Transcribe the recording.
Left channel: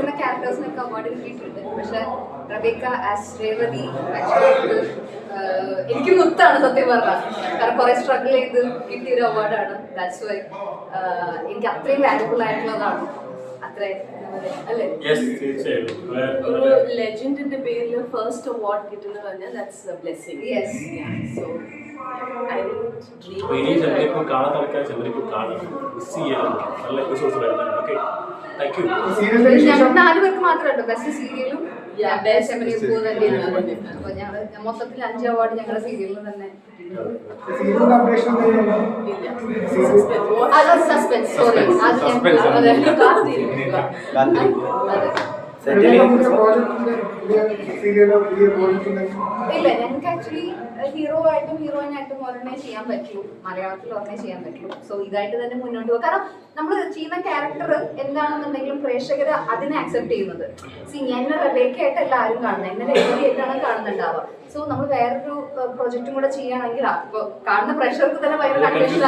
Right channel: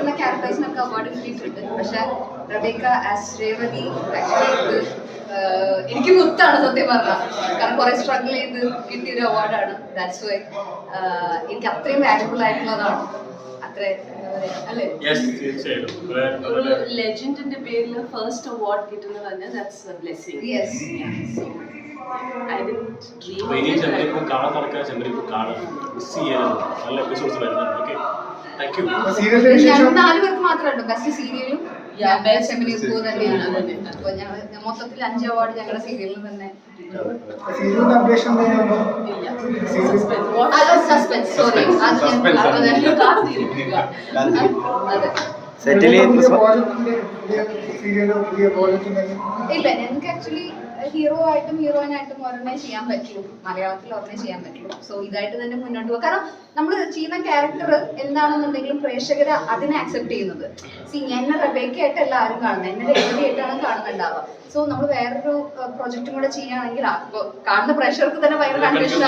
കിട്ടുന്ന ക്യാരക്ടേഴ്സിനൊക്കെ അവാർഡ് കിട്ടിയിട്ടുണ്ട്. പക്ഷെ റബേക്ക ആസ് രേവതി ആക്ച്വലി ഇത് എനിക്ക് മുത്താണ് സത്യം പറഞ്ഞാൽ കാരണം കുറെ സ്ട്രഗിൾ ചെയ്ത് കിട്ടിയ ഒരു അവാർഡാണ് ദാറ്റ്സ് വൈ എനിക്ക് അത്രയും വാല്യുബിൾ ആയിട്ടുള്ളതാണ്. അത്ര അല്ലേ? യെസ് തീർച്ചയായിട്ടും. വളരെ ലെജൻഡിന്റെ പേരിൽ ഫസ്റ്റ് അവാർഡ് കിട്ടുന്നത് ദാറ്റ്സ് Yes. സോ ചെമ്പരിപ്പൂ കാണാത്ത ആൾക്കാർ ചെമ്പരിപ്പൂ കാണുക മിസ് ചെയ്യരുത്. നല്ല എപ്പിസോഡ്സ് വരുന്നുണ്ട്. ഓക്കെ ഞങ്ങൾ നാല് പേർക്ക് മാത്രമേ ബെസ്റ്റ് സീരിയലും. തന്നെയാണ്. അപ്പൊ ഞങ്ങൾ മൊത്തത്തിൽ അഞ്ച് അവാർഡ് ഞങ്ങളുടെ സീരിയലിൽ തന്നെ. സസ്പെൻസ് സോറി അത് ഞാൻ അതെ. സെറ്റിൽ സീരിയലോ പുതിയ പ്രോജക്റ്റ് ഇല്ല ഞങ്ങൾക്ക് ആക്ച്വലി ഹീറോ ആയിട്ടും ഹീറോയിൻ ആയിട്ടും ഒരെണ്ണേ ചെയ്യാൻ പറ്റുള്ളൂ. മലയാളത്തിൽ ഒരെണ്ണേ ചെയ്യാൻ പറ്റുള്ളൂ. സോ ഇതായിട്ട് തന്നെ മുന്നോട്ട് പോകും. കാരണം നമ്മൾ ചെയ്യുന്ന ക്യാരക്ടർ എന്താണെന്നുണ്ടെങ്കിലും പ്രേക്ഷകർ അതിനെ അക്സെപ്റ്റ് ചെയ്യുന്നത്. സി എന്നെ റബേക്കായിട്ട് എല്ലാവരും കാണുന്നത്. എന്നെ രേവതിയായിട്ടാണ് കാണുന്നുണ്ടാവുക. സോ നമ്മൾ വേറൊരു പ്രൊജക്റ്റും കൂടെ ചെയ്യുകയാണെങ്കിൽ കാണുന്ന പ്രേക്ഷകർക്ക് തന്നെ ഭയങ്കര കൺഫ്യൂഷൻ